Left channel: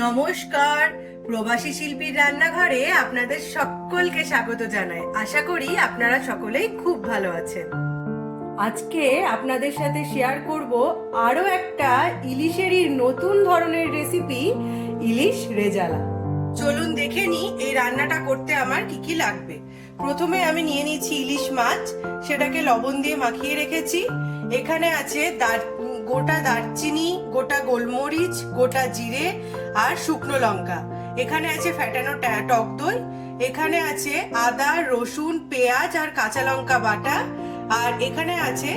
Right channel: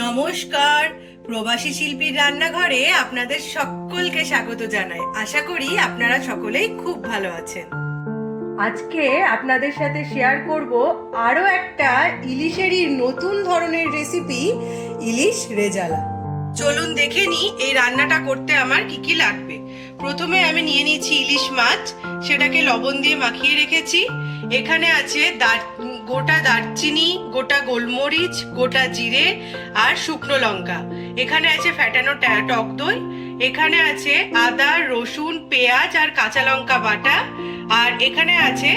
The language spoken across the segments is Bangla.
নমস্কার, প্রবাসী শিল্পীর রান্নাঘরে আপনাদের সকলকে স্বাগত জানাই। আশা করি আপনারা সকলেই খুব ভালো আছেন। আজকে আপনাদের সাথে শেয়ার করব আরো একটা ইলিশেরই নতুন ধরনের রেসিপি, ইলিশ রেজালা। চলুন দেখে নিই এই রান্নাটা করতে আমার কি কি লাগবে। প্রথমে আমি নিয়ে নিয়েছি ইলিশ মাছ, সেটাকে লবণ দিয়ে মাখিয়ে রেখেছি। এখানে আছে গোটা দারচিনি, গোটা গোলমরিচ, গোটা জিরে আর শুকনো লঙ্কা। এখানে আছে ফ্যাটানো টক দই। এখানে আছে আদা, রসুন, পেঁয়াজ আর কাঁচা লঙ্কা বাটা। আর এখানে আছে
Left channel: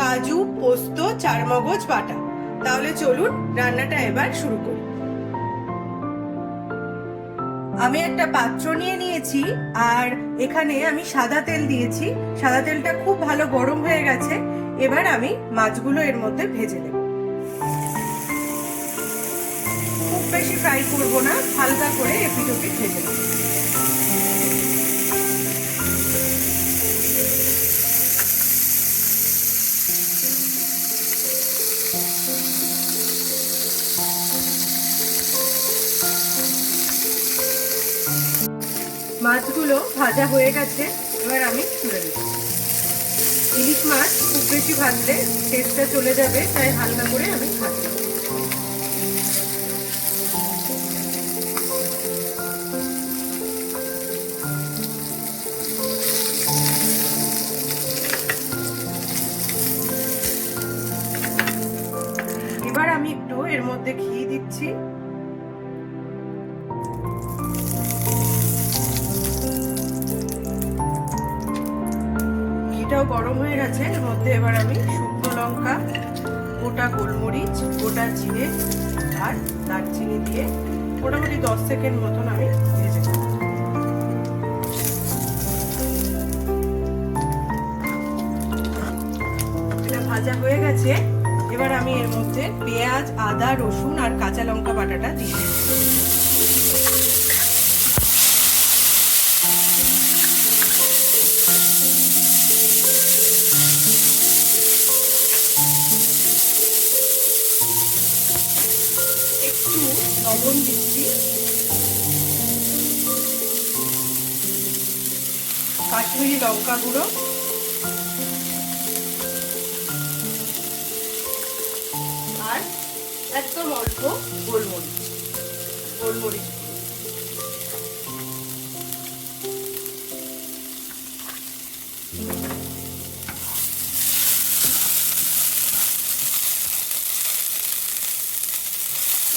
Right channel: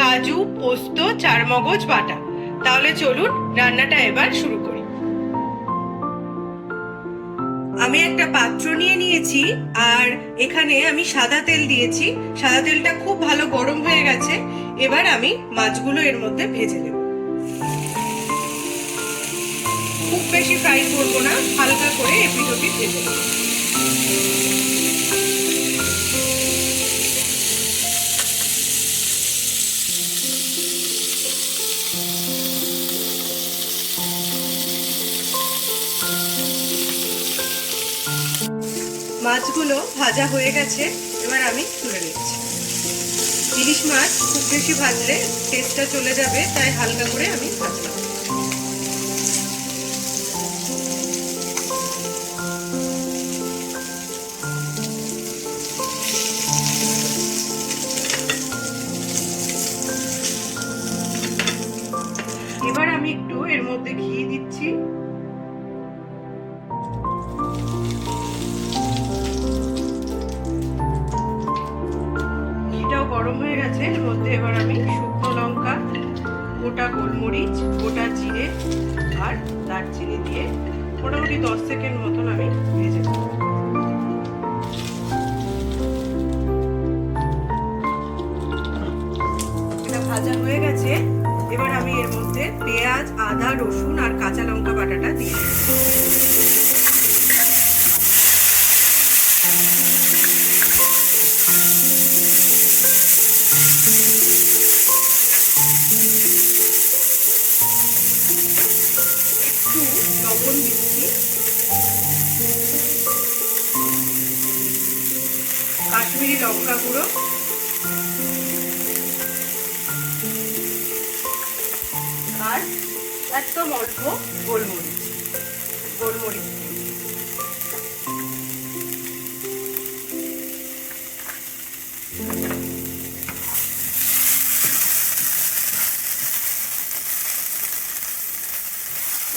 কাজু, পোস্ত, চারমগজ বাটা। তাহলে চলুন রান্নাটা এবার শুরু করি। আমি একটা পাত্র নিয়ে নিয়েছি আর এখানে আমি সাদা তেল দিয়েছি। সাদা তেলটা খুব ভালো গরম হয়ে গেছে। এবার আমি মাছগুলো এর মধ্যে ভেজে নেব। খুব বেশি ফ্রাই করবো না, হালকা করে এপিট ওপিট ভেজে নেব। মাছগুলো ভাজা হয়ে গেছে, এবার আমি তুলে নিচ্ছি। ইলিশ মাছ খুব বেশি ভাজলে টেস্টটা চলে যাবে, তাই হালকা করে আমি ভাজলাম। এবার আমি একটু এর মধ্যে ঘি দিচ্ছি। ঘিটাও গরম হয়ে গেছে, এর মধ্যে এবার আমি শুকনো লঙ্কা, গোটা গোলমরিচ, গোটা জিরে আর দারচিনি দিয়ে মোটামুটি 10 সেকেন্ড মতন আমি ভেজে নেব। এটা ভাজা হয়ে গেছে, এবার আমি এর মধ্যে পেঁয়াজ, আদা, রসুন আর কাঁচা লঙ্কা বাটাটা দিয়ে দিচ্ছি। একটু লবণ দিচ্ছি, কাশ্মীরি লঙ্কা গুঁড়ো, আর একদম অল্প গোলমরিচ।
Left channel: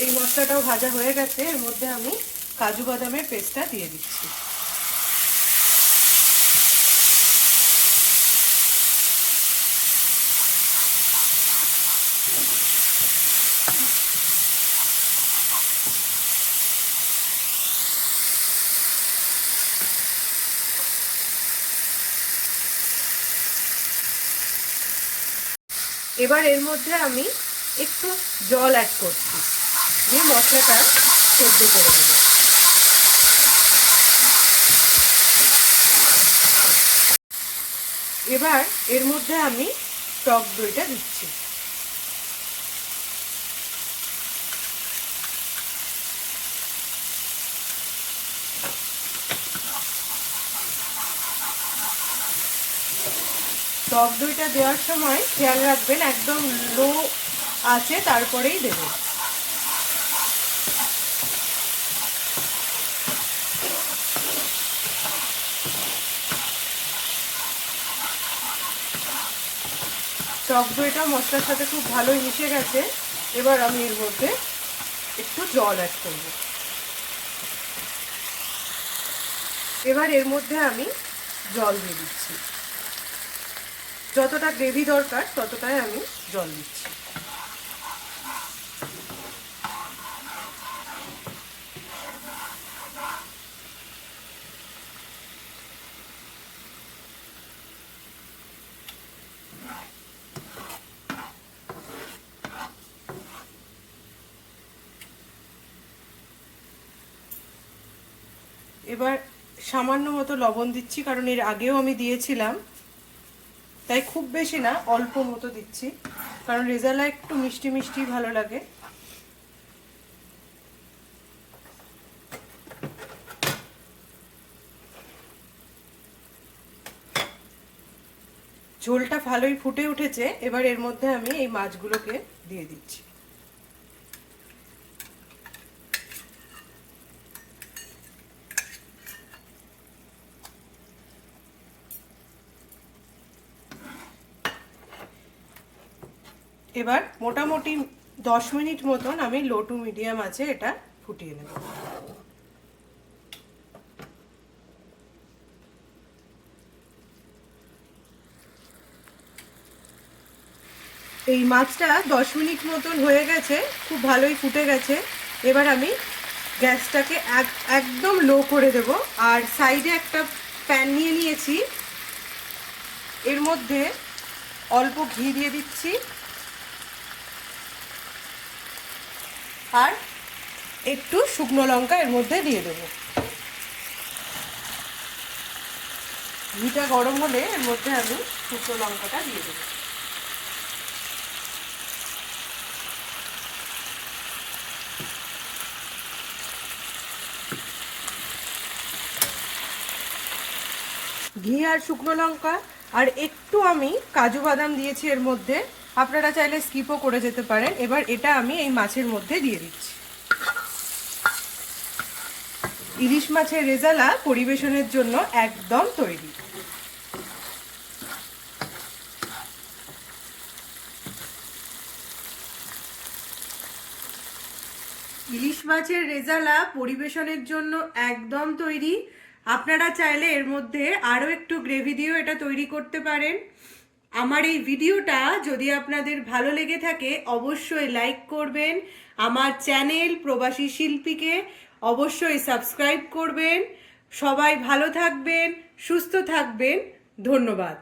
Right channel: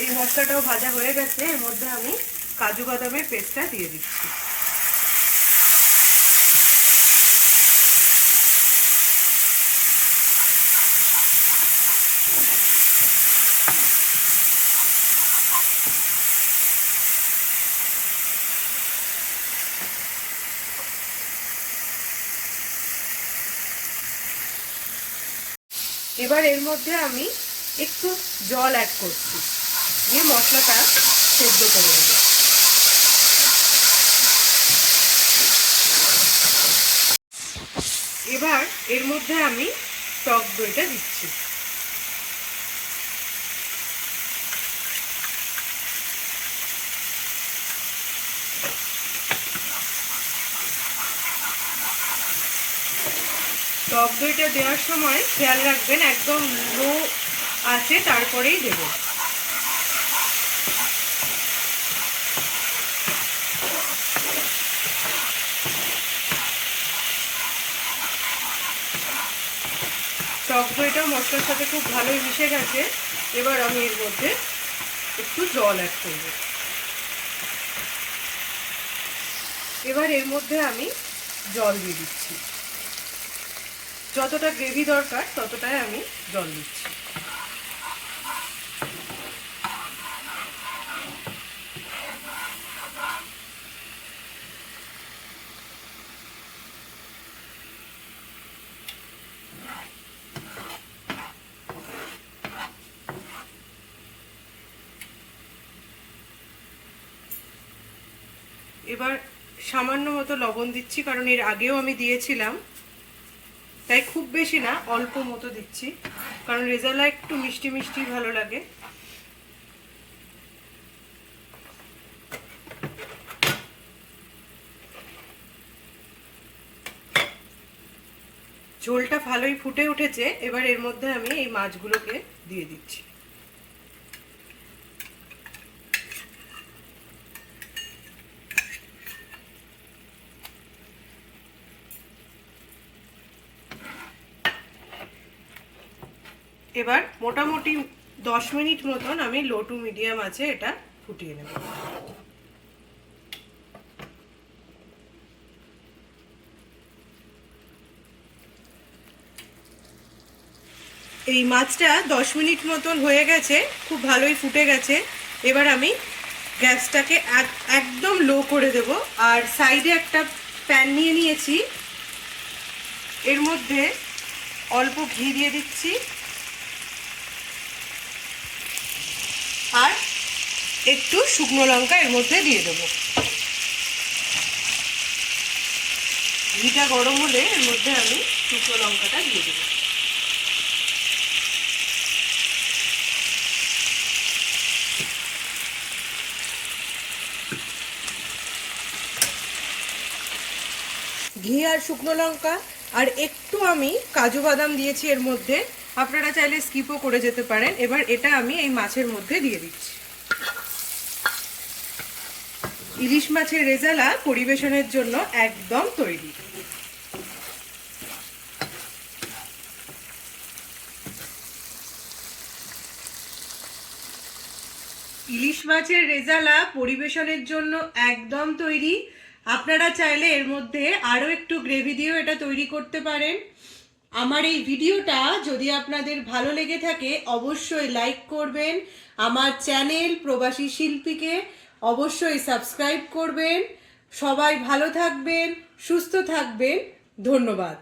এই মশলাটাও ভাজা হয়ে গেছে, এর মধ্যে আমি কাজু বাদামের পেস্টটা দিয়ে দিচ্ছি। এবার এর মধ্যে আমি একটু জল অ্যাড করছি, দিয়ে মশলাটা সেদ্ধ করে নেব। এবার এর মধ্যে আমি টক দইটা দিচ্ছি। টক দইটা দেওয়ার সময় খেয়াল রাখবেন একদম লো আছে, তারপরেই দেব। টক দইটা মশলার সাথে খুব ভালোই মিশে গেছে, এবার আমি এর মধ্যে একটু জল অ্যাড করব। এবার এর মধ্যে আমি জল দিয়ে দিচ্ছি। যতটা গ্রেভি দরকার ততটাই আমি জল দিচ্ছি। এবার সামান্য মতো লবণ দিচ্ছি, কারণ এর আগেও আমি দিয়েছিলাম, তাই খুব বেশি না, অল্প মতো দিচ্ছি, কারণ রেজালা একটু মিষ্টি মিষ্টি ভালো লাগে। ঝোলটা ভালোই ফুটে উঠেছে। এবার এর মধ্যে আমি এই মাছগুলোকে দিয়ে দিচ্ছি। এবার মোটামুটি 10 মিনিট মতন আমি লো টু মিডিয়াম আছে এটা ফুটিয়ে নেব। এই মাছটা 10 মিনিট মতন হয়ে গেছে, খুব ভালোই ফুটে গেছে। এবার আমি গ্যাসটাকে একদম লো করে দেব। আর সাইডে একটা প্যান নিয়ে নিয়েছি, এর মধ্যে অল্প ঘি দিয়ে দিচ্ছি আর একটু শুকনো লঙ্কা এর মধ্যে দিয়ে দেব। ঘিটা গরম হলে এর মধ্যে আমি শুকনো লঙ্কাটা দিয়ে দেব। ঘি আর শুকনো লঙ্কা আর একটু আমি কাজু বাদাম দিয়েছি এর মধ্যে, আপনারা চাইলে স্কিপও করে যেতে পারেন। এবার এটা আমি এই মাছের মধ্যে দিয়ে দিচ্ছি। ইলিশ মাছের রেজালা পরিবেশনের জন্য একদম তৈরি। ইলিশ মাছের রেজালা পরিবেশনের জন্য একদম তৈরি। আপনারা চাইলে এর মধ্যে আরও একটু গ্রেভি দিয়েও এটা তৈরি করতে পারেন। আমার এই ভিডিওটা যদি আপনাদের ভালো লেগে থাকে অবশ্যই লাইক করবেন। আমার চ্যানেল প্রবাসী শিল্পীকে অবশ্যই সাবস্ক্রাইব করবেন। সবাই ভালো থাকবেন, সুস্থ থাকবেন। ধন্যবাদ।